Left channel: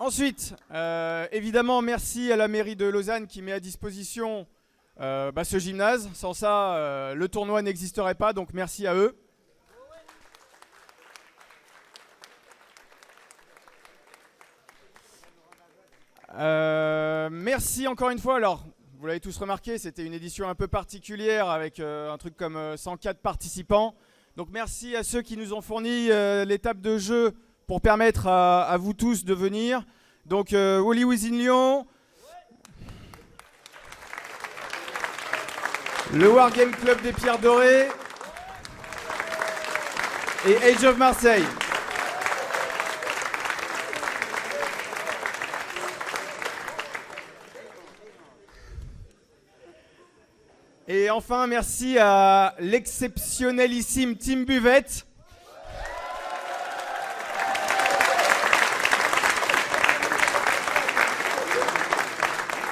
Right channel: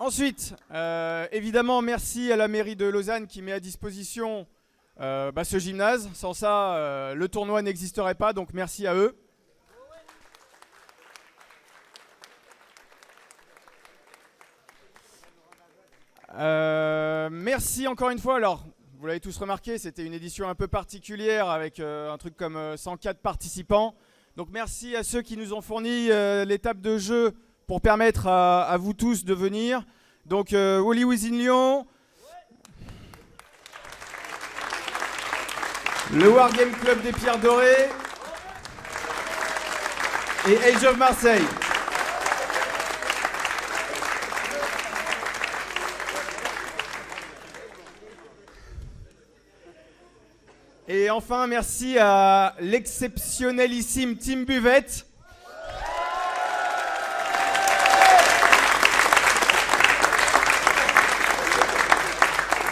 Ensuite, évidemment, merci à la mairie de Lausanne qui met à disposition ce gymnase. Sans ça, le tournoi n'existerait pas, donc merci à eux. Merci encore une fois. Alors, vous l'avez tous remarqué, c'était une édition un peu particulière avec un truc comme 104 participants. Donc merci à ceux qui nous ont fourni les tables de jeu pour permettre à vous tous de venir. Donc Wally Within Lyon, le Wargame Club des Pierres Dorées et Age of Marseille. Et enfin, merci à l'exceptionnelissime Team Buvette.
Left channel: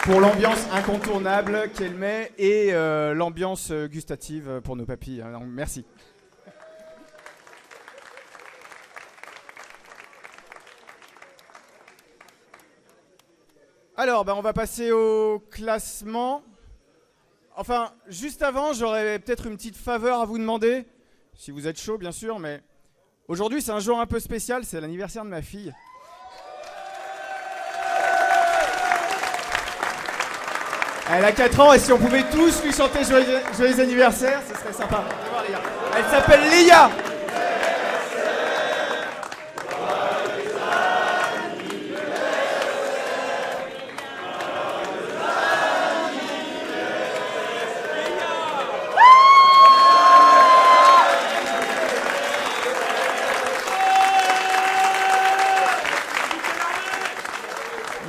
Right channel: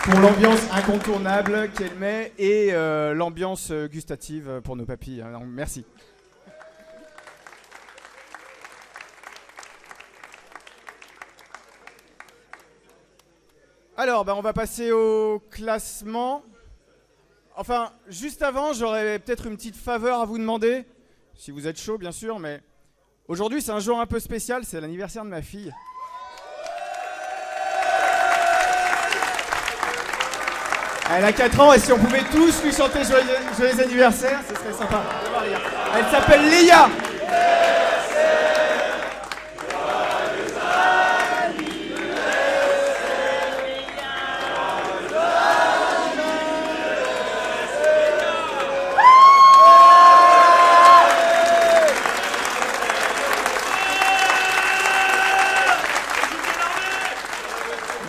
Pour l'ambiance incontournable qu'elle met et l'ambiance gustative pour nos papilles. Donc, merci. Alors, on va passer au classement. Enfin, juste avant, j'aurais peut-être une petite faveur à vous demander, si vous êtes chaud bien sûr, mais aujourd'hui c'est un jour un peu spécial, c'est l'anniversaire de ma fille. Elle a 4 ans et si on pouvait tous lui chanter joyeux anniversaire, ce serait sympa. Elle s'appelle Léa.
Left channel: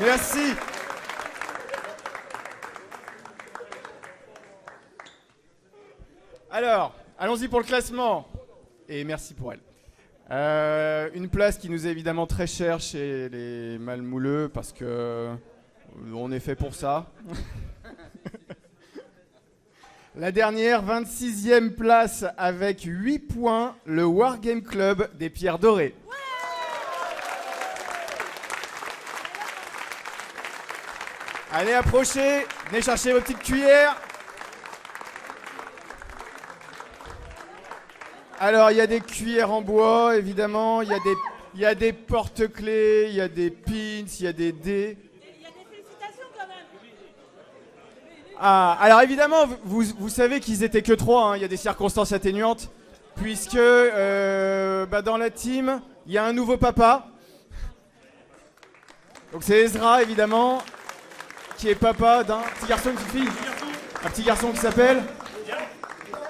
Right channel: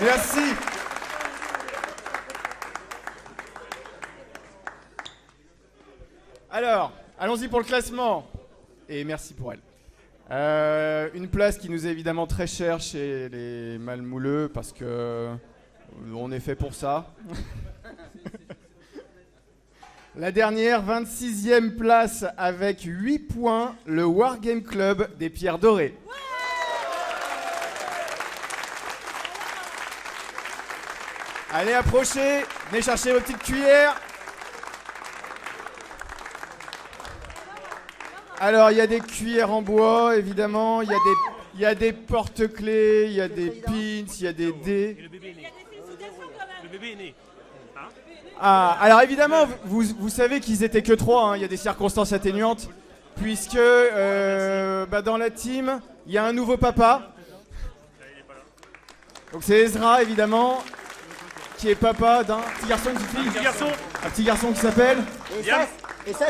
Merci. Alors, allons-y pour le classement. Et merci pour elle. Une place qui nous est évidemment très chère chez les Malmouleux parce que on est fait pour ça. La dernière, 26e place avec 8 points, le Wargame Club des Pierres Dorées. Allez, approchez, venez chercher vos petites cuillères. Alors, il y a des cuillères en bois, évidemment, il y a des porte-clés, il y a des pins, il y a des dés. Ah, alors évidemment, vous savez qu'ils étaient que 3, hein, il y a des circonstances atténuantes, puisque dans la team, il y a un nouveau papa. Donc c'est Ezra, évidemment, qui est papa d'un petit garçon, une petite fille. Un petit garçon qui s'appelle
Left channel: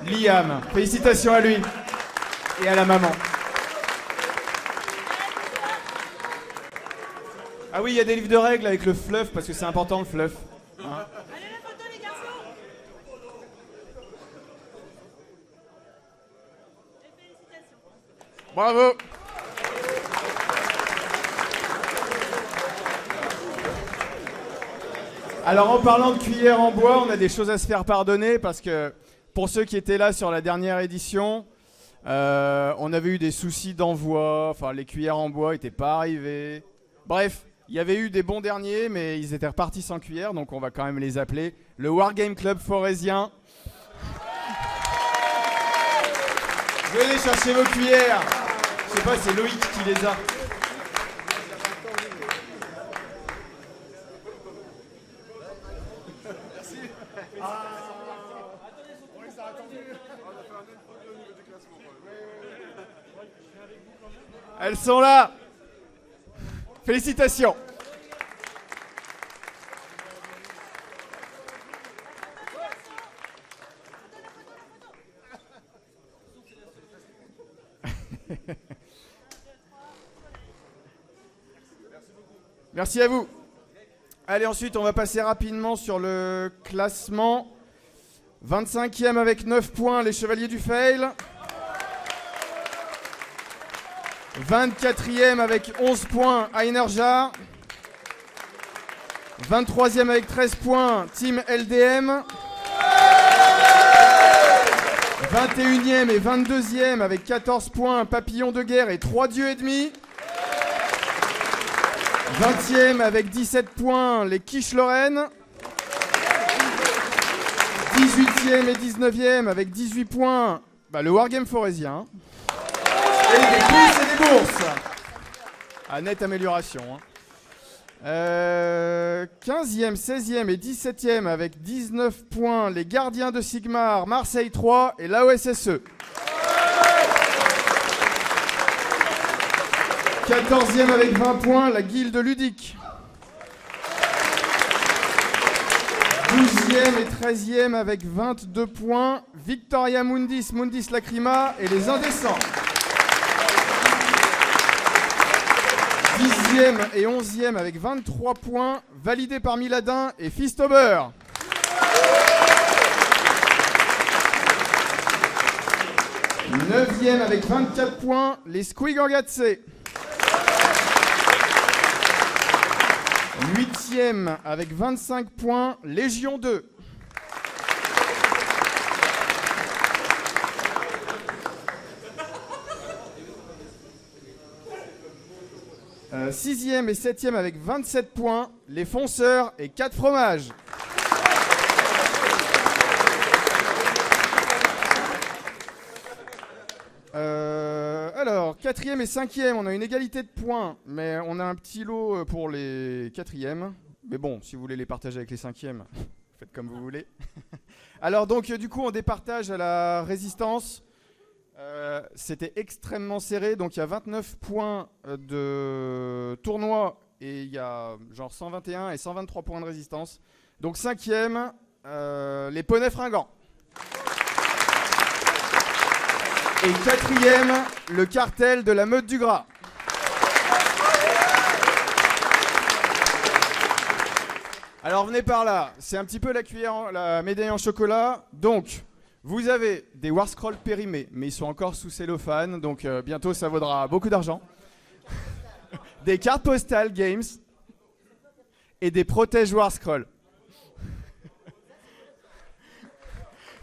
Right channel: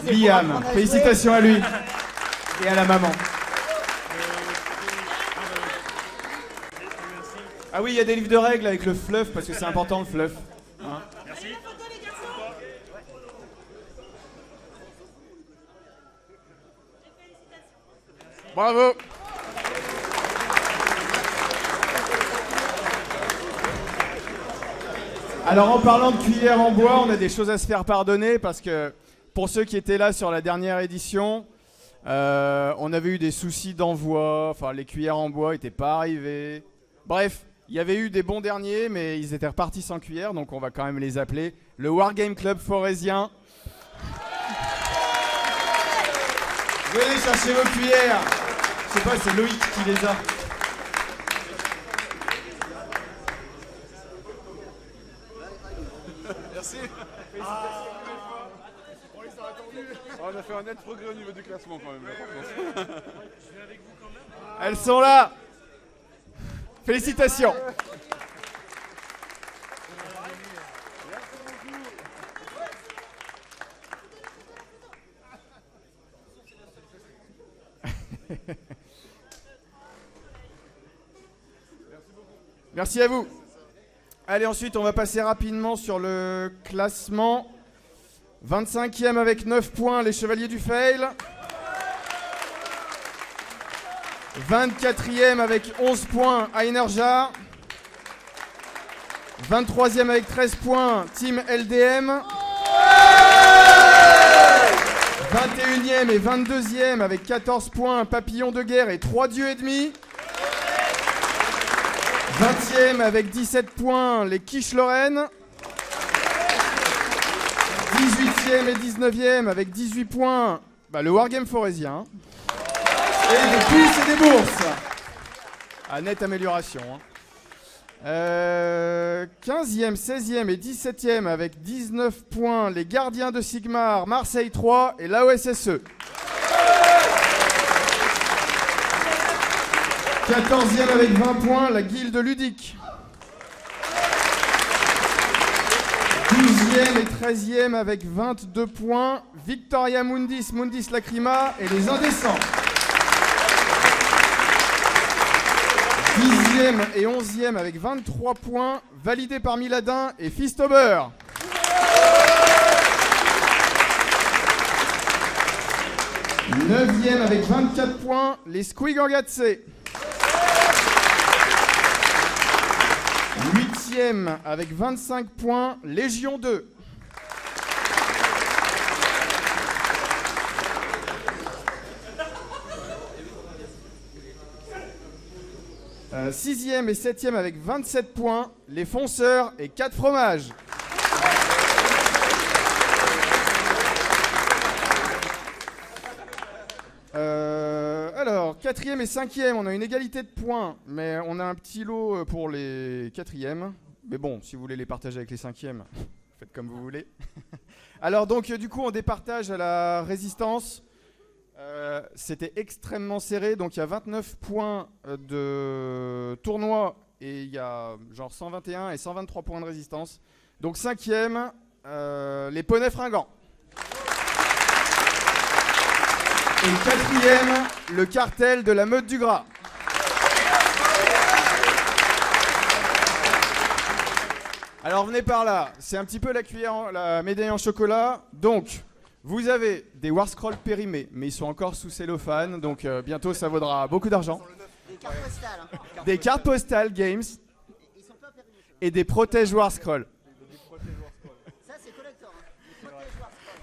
Liam. Félicitations à lui et à la maman. Ah oui, il y a des livres de règles avec le fluff, parce que c'est important le fluff. Hein. Bravo. Alors en parlant de cuillères en bois, on a des choses à se faire pardonner parce que pour ceux qui étaient là sur la dernière édition, on avait eu des soucis d'envoi, enfin les cuillères en bois n'étaient pas arrivées. Bref, il y avait eu des bons derniers mais ils étaient repartis sans cuillère, donc on va quand même les appeler le Wargame Club forésien. Venez chercher vos cuillères. Je sais pas, c'est Loïc qui les a. On a fait un net progrès au niveau du classement quand même. Elles sont là. Félicitations. Merci à vous. Allez, ensuite, on va passer rapidement sur le classement. 25e avec 9 points, les Chevaliers du Fail. 24e avec 11 points, Einerja. 23e avec 13 points, Team LDM. 21e et 22e avec 14 points, Papillon de Guerre et 3 dieux et demi. 20e avec 17 points, les Quiche Lorraine. 18e et 19e avec 18 points, le Wargame Forésien. Et des pouces et des bourses. À nette amélioration. 15e, 16e et 17e avec 19 points, les Gardiens de Sigmar, Marseille 3 et l'AOSSE. 14e avec 20 points, la Guilde Ludique. 12e et 13e avec 22 points, Victoria Mundis, Mundis Lacrima et les Indécents. 10e et 11e avec 23 points, validé par Miladin et Fistober. 9e avec 24 points, les Squigorgatse. 8e avec 25 points, Légion 2. 6e et 7e avec 27 points, les Fonceurs et 4 fromages. Alors, 4e et 5e, on a une égalité de points, mais on a un petit lot pour les 4e. Mais bon, si vous voulez les partager avec les 5e, faites comme vous voulez. Alors donc, du coup, on départage à la résistance. C'était extrêmement serré, donc il y a 29 points de tournoi et il y a genre 121 et 123 points de résistance. Donc 5e, les poneys fringants. Et 4e, le cartel de la Meute du Gras. Alors venez par là, c'est un petit peu la médaille en chocolat. Donc, vous avez des War Scrolls périmés, mais ils sont encore sous cellophane, donc bientôt ça vaudra beaucoup d'argent. Des cartes postales Games et des protèges War Scrolls.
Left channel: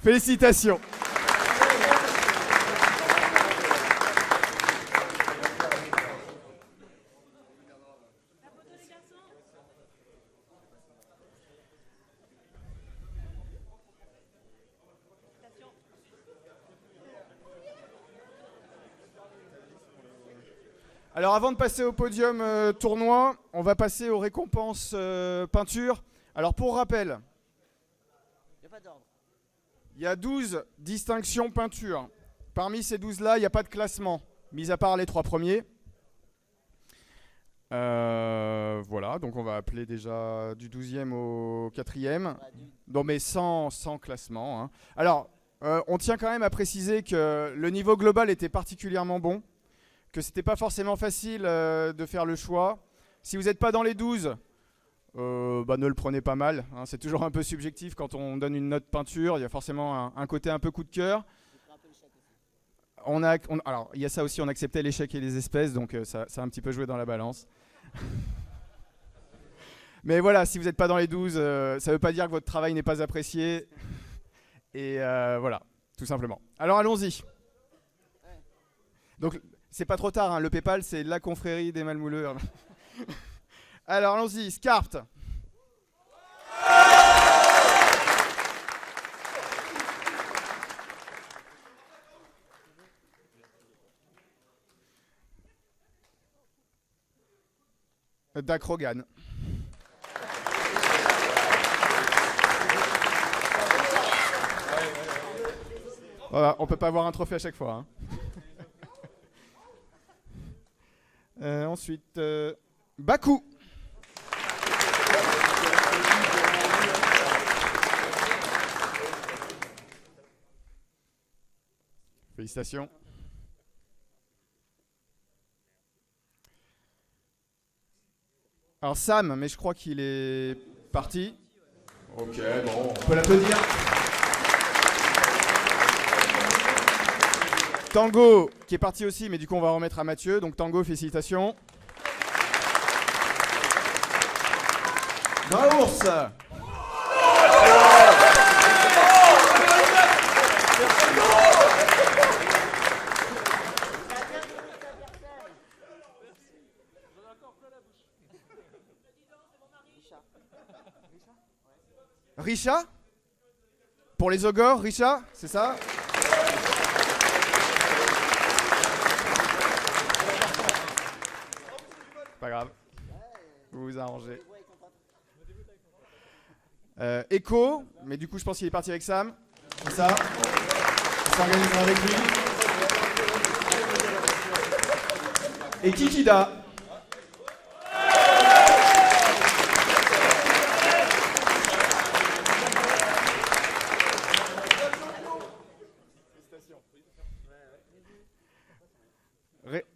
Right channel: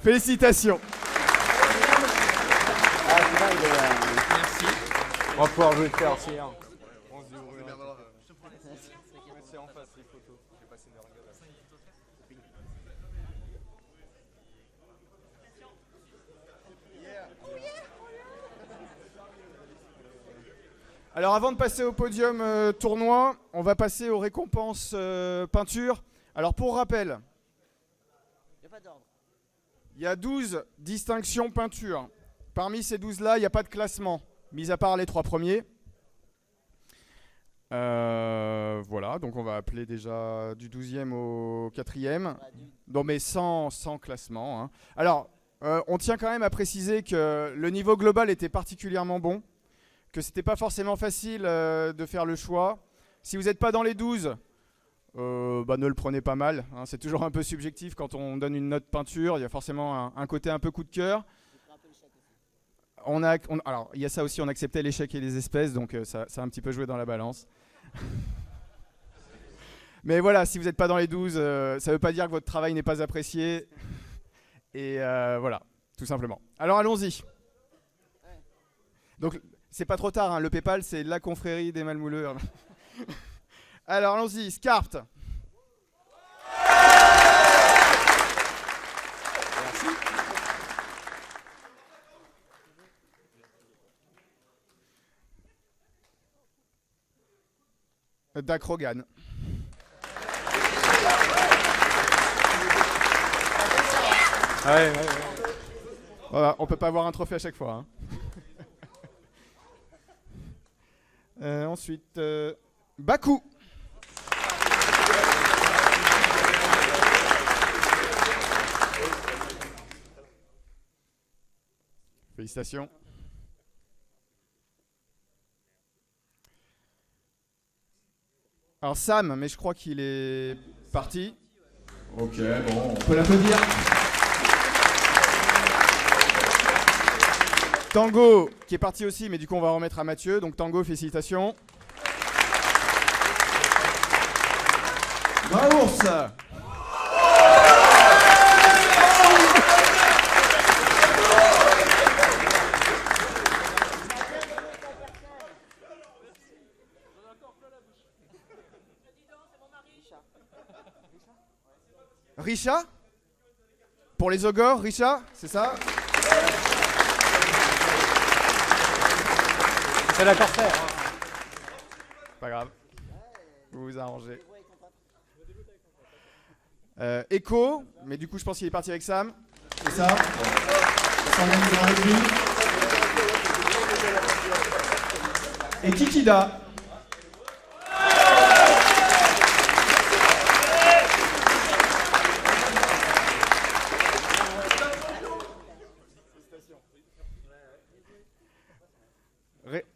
Félicitations. On va pouvoir jouer faire aussi. Alors avant de passer au podium tournoi, on va passer aux récompenses peinture. Alors pour rappel, il y a 12 distinctions peinture. Parmi ces 12-là, il n'y a pas de classement, mis à part les 3 premiers. Voilà, donc on va appeler déjà du 12e au 4e. Non mais sans classement. Hein. Alors, on tient quand même à préciser que le niveau global était particulièrement bon. Que c'était pas forcément facile de faire le choix. Si vous n'êtes pas dans les 12, ne le prenez pas mal. Hein, c'est toujours un peu subjectif quand on donne une note peinture. Il y a forcément un côté un peu coup de cœur. Alors, il y a ça aussi, on acceptait l'échec et les espèces, donc ça a un petit peu joué dans la balance. Mais voilà, si vous n'êtes pas dans les 12, ça ne veut pas dire que votre travail n'est pas apprécié. Et voilà, tout simplement. Alors allons-y. Donc, c'est pas trop tard, hein. Le PayPal, c'est la confrérie des malmouleurs. Alors, allons-y. Scarpt. Dacrogan. Ouais. Voilà, on peut pas avoir un trophée à chaque fois. Hein. Ensuite, Baku. Félicitations. Alors Sam, mais je crois qu'il est parti. Ok, bon, on peut l'applaudir. Tango, qui est parti aussi, mais du coup on va remettre à Mathieu. Donc Tango, félicitations. Graours. Richa? Pour les ogres, Richa, c'est ça? C'est la corsaire. Pas grave. Vous vous arrangez. Echo, mais du coup je pense qu'il est parti avec Sam. C'est ça? On s'organisera avec lui. Et Kikida.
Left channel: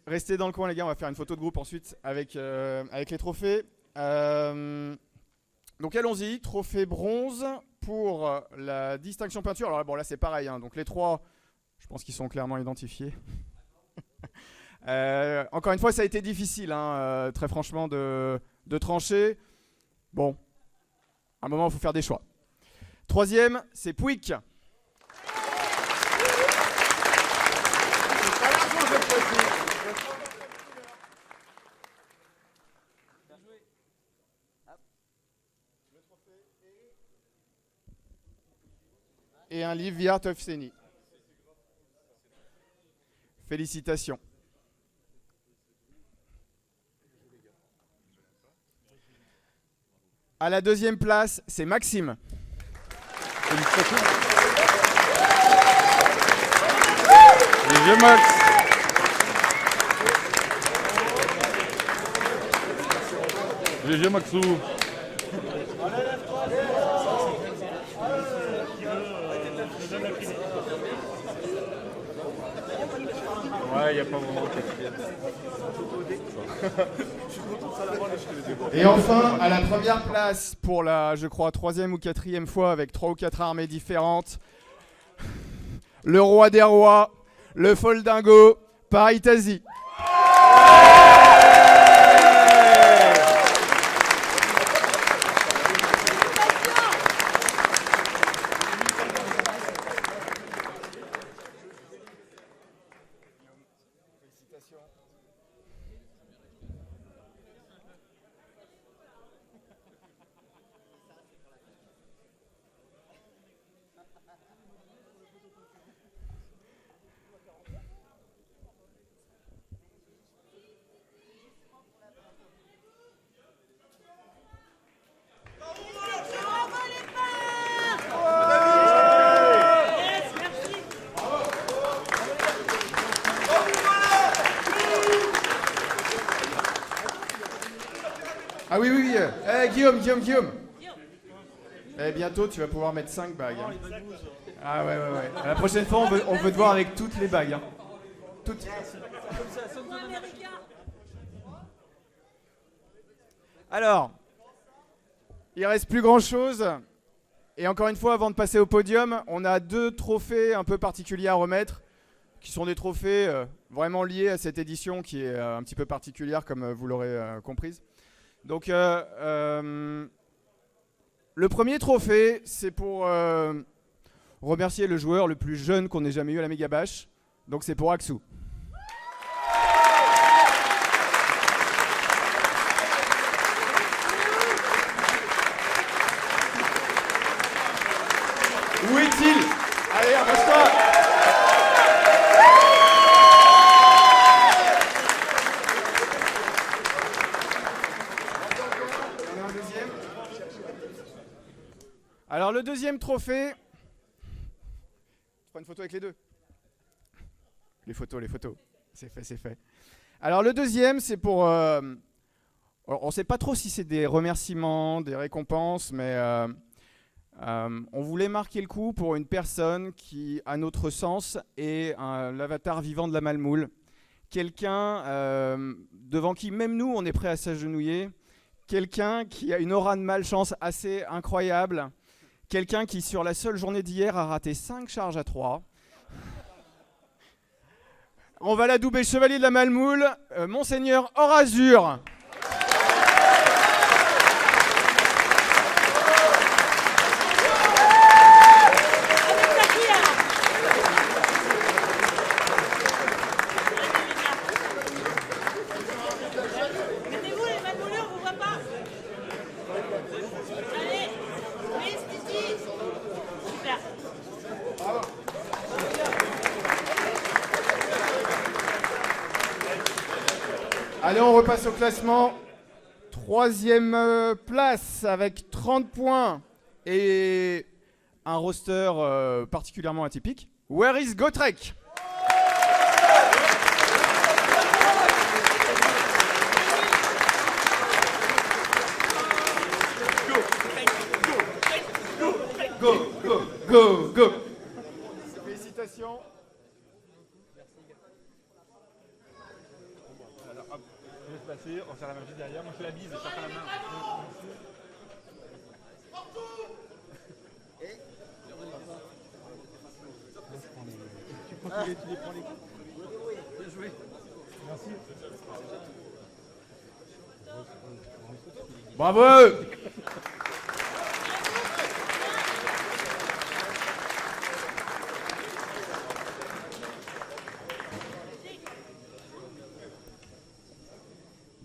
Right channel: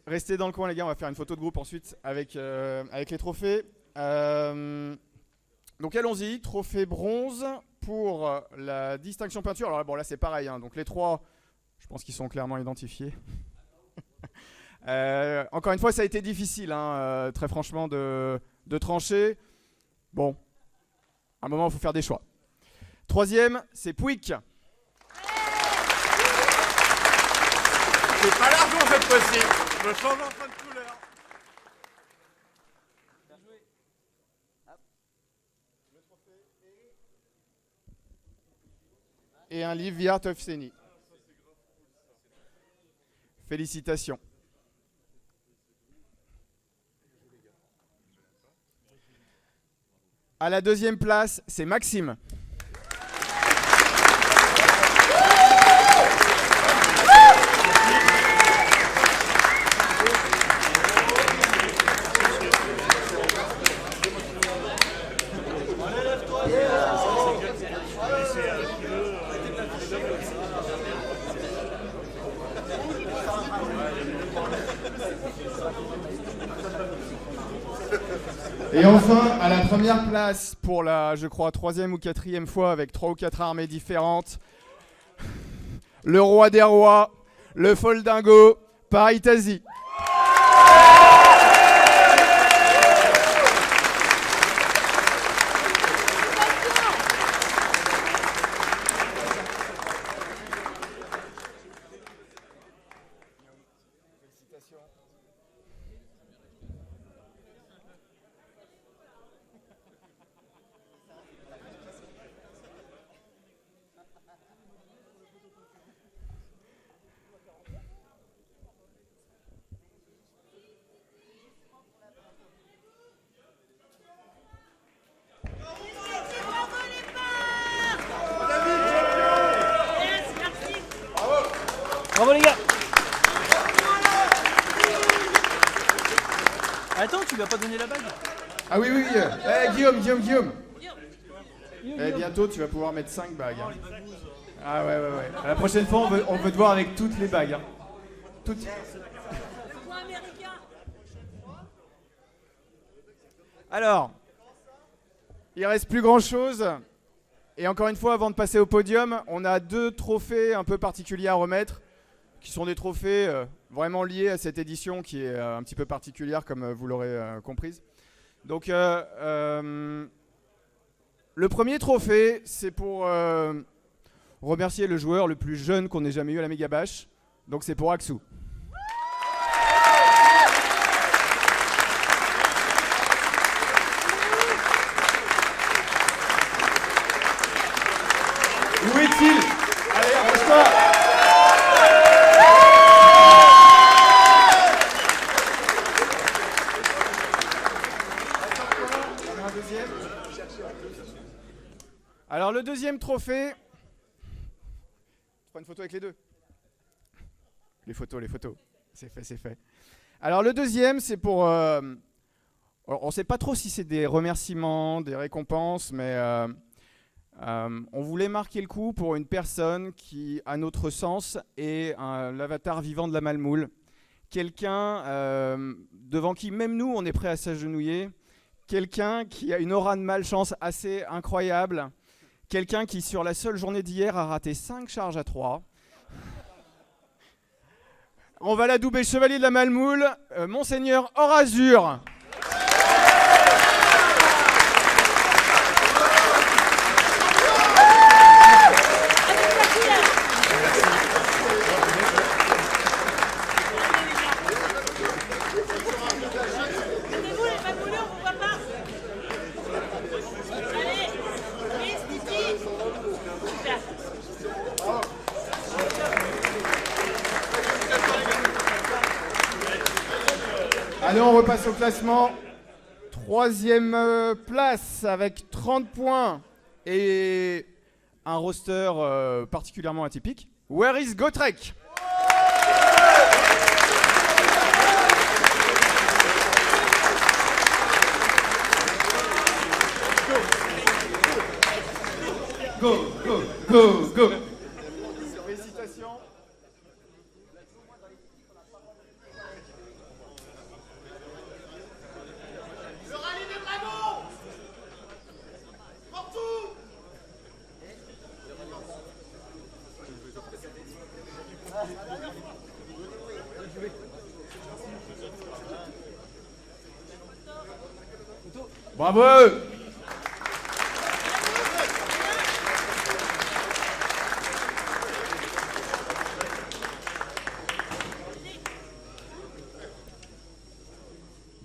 Restez dans le coin les gars, on va faire une photo de groupe ensuite avec les trophées. Donc allons-y, trophée bronze pour la distinction peinture. Alors bon là c'est pareil, hein, donc les trois, je pense qu'ils sont clairement identifiés. Encore une fois ça a été difficile, hein, très franchement de trancher. Bon, à un moment il faut faire des choix. Troisième, c'est Pouic. C'est pas l'argent cette fois-ci. Je me change un peu de couleur. Et un livre The Art of Seni. Félicitations. À la deuxième place, c'est Maxime. GG Maxou. Et enfin, à la première place, pour la, je crois, troisième ou quatrième fois, avec 3 ou 4 armées différentes, le roi des rois, le Foldingo, Paris-Tazi. Bravo les gars. Attends, tu vas pas donner la bague? Ah oui, oui, oui. Guillaume. Eh, bientôt, tu vas pouvoir mettre 5 bagues. Hein. Ah ouais. La prochaine fois, on veut te voir avec toutes les bagues. Hein. Toutes. Alors, il reste plus grand chose. Et encore une fois, avant de passer au podium, on a 2 trophées un peu particuliers à remettre, qui sont des trophées vraiment liés à cette édition qui est un petit peu particulière, comme vous l'aurez comprise. Donc, le premier trophée, c'est pour remercier le joueur le plus jeune qu'on ait jamais eu à la Méga Bash. Donc, c'est pour Axou. Où est-il? Allez, approche-toi! Il y en a un deuxième. Alors, le deuxième trophée. Tu prends une photo avec les deux? Les photos. C'est fait. Alors, le deuxième, c'est pour. On ne sait pas trop si c'est des remerciements, des récompenses, mais. On voulait marquer le coup pour une personne qui, à notre sens, est l'avatar vivant de la Malmoule. Quelqu'un devant qui, même nous, on est prêt à s'agenouiller. Quelqu'un qui a une aura de malchance assez incroyable. Quelqu'un qui, sur la seule journée d'hier, a raté 5 charges à 3. On va l'adouber chevalier de la Malmoule, Monseigneur Horazur. Allez, on repasse au classement. Troisième place avec 30 points et un roster particulièrement atypique. Where is Gotrek? Go, go, go, go. Félicitations. Bravo!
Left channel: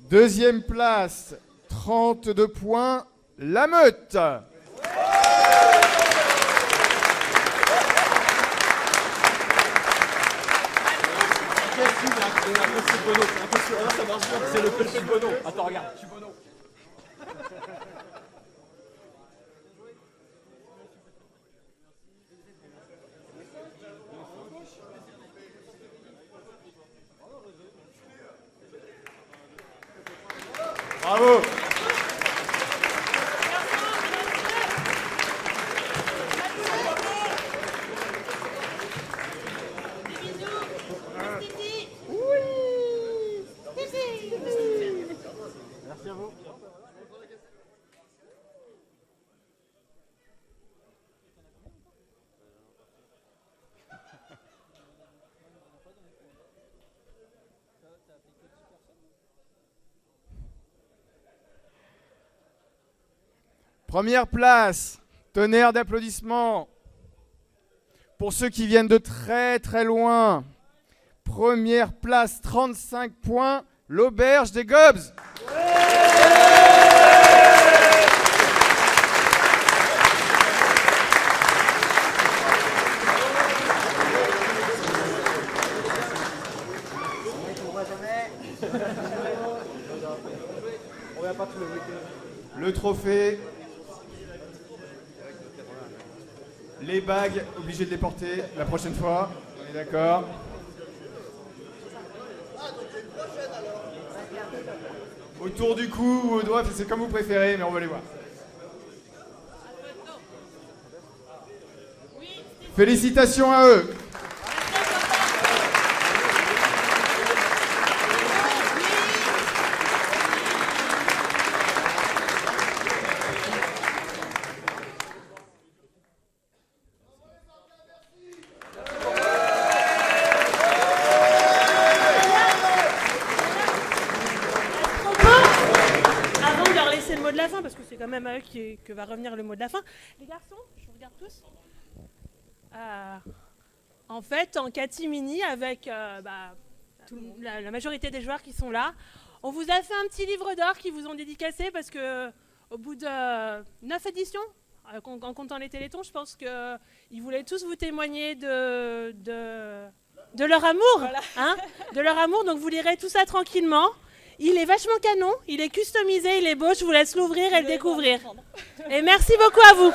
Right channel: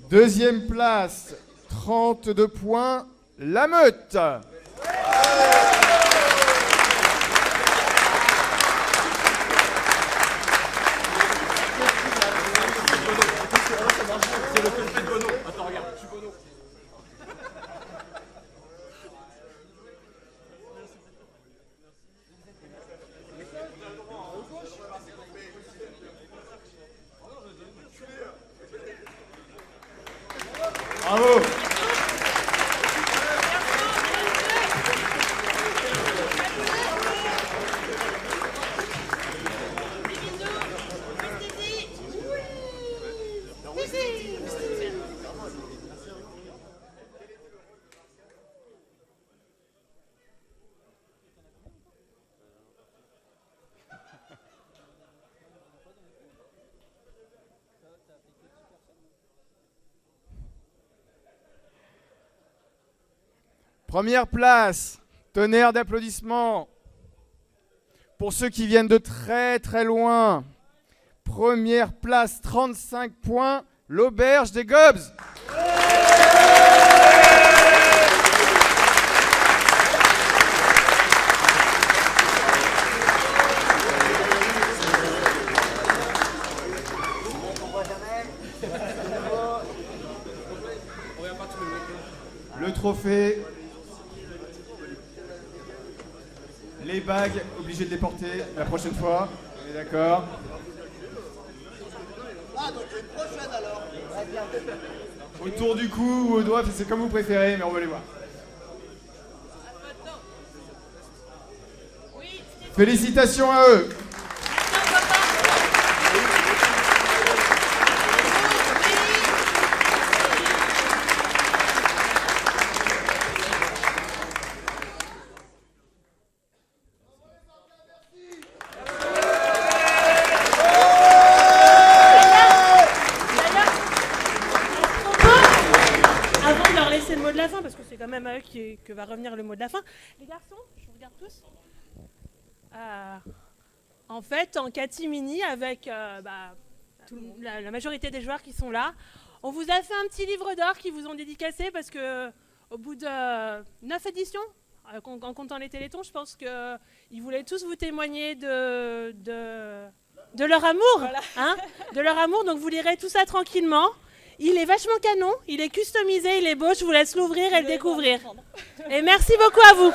Deuxième place, 32 points, La Meute. Bravo. Première place, tonnerre d'applaudissements pour ceux qui viennent de très très loin. Première place, 35 points, l'Auberge des Gobs. Le trophée. Les bagues, obligé de les porter la prochaine fois. On est d'accord. Autour du cou ou au doigt, c'est comme vous préférez, mais on va les voir. Félicitations à eux. Parce que c'est quand même à eux que va revenir le mot de la fin. Les garçons, je vous regarde tous. En fait, en catimini, avec la majorité des joueurs qui sont là, on vous a fait un petit livre d'or qui vous ont dédicacé parce que au bout de 9 éditions, en comptant les télétons, je pense qu'ils voulaient tous vous témoigner de leur amour. Voilà. Hein, de leur amour, donc vous lirez tout ça tranquillement. Il est vachement canon, il est customisé, il est beau, je vous laisse l'ouvrir et le découvrir. Et merci beaucoup à vous.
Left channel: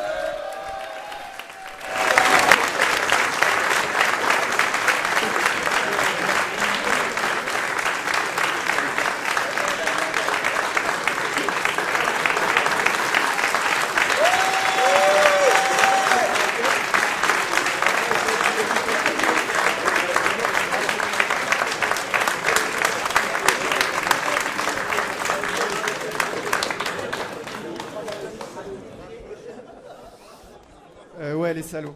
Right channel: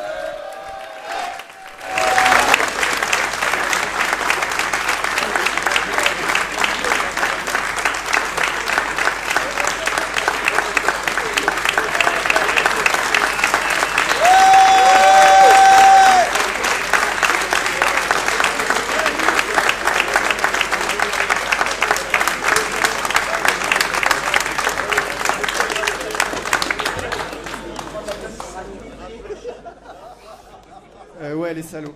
Ouais, les salauds.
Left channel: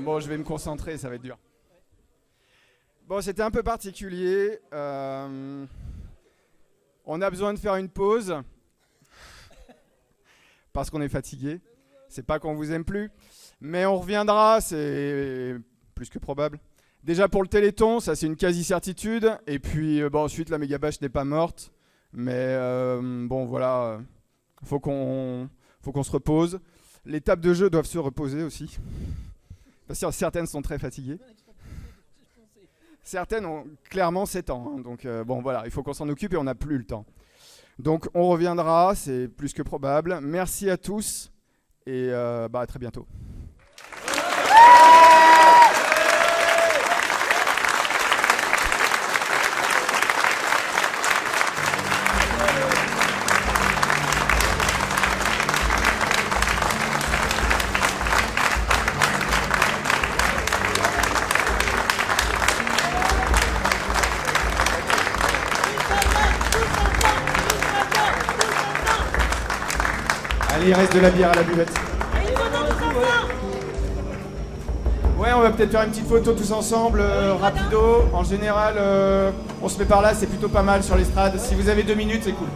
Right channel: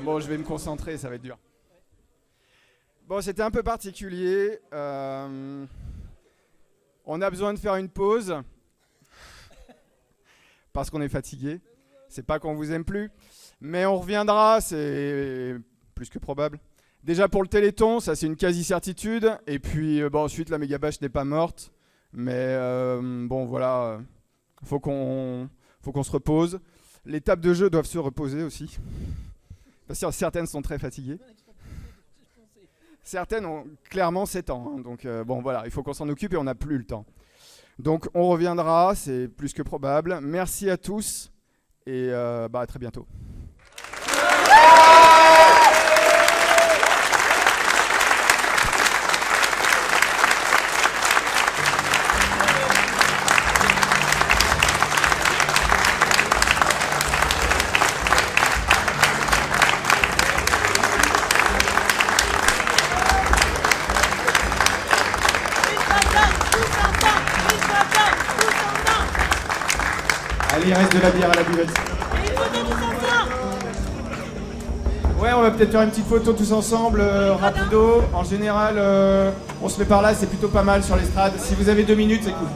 Bon, je vais me concentrer, ça va être dur. Bon, c'était un peu particulier. On a besoin de faire une pause. Parce qu'on est fatigué. C'est pas qu'on vous aime plus. Mais on reviendra, c'est plus que probable. Déjà pour le Téléthon, ça c'est une quasi-certitude. Et puis ensuite, la méga bâche n'est pas morte. Mais bon, voilà. Faut qu'on se repose. Les tables de jeu doivent se reposer aussi. Parce que certaines sont très fatiguées. Certaines ont clairement 7 ans. Hein, donc bon voilà, il faut qu'on s'en occupe et on n'a plus le temps. Donc on reviendra, c'est plus que probable. Merci à tous et à très bientôt. Allez, il reste de la bière à la buvette. Ouais, on va peut-être faire une petite photo tous ensemble, rapido. En général, on se met par là, c'est plutôt pas mal sur l'estrade. Si vous avez 2 minutes, c'est cool.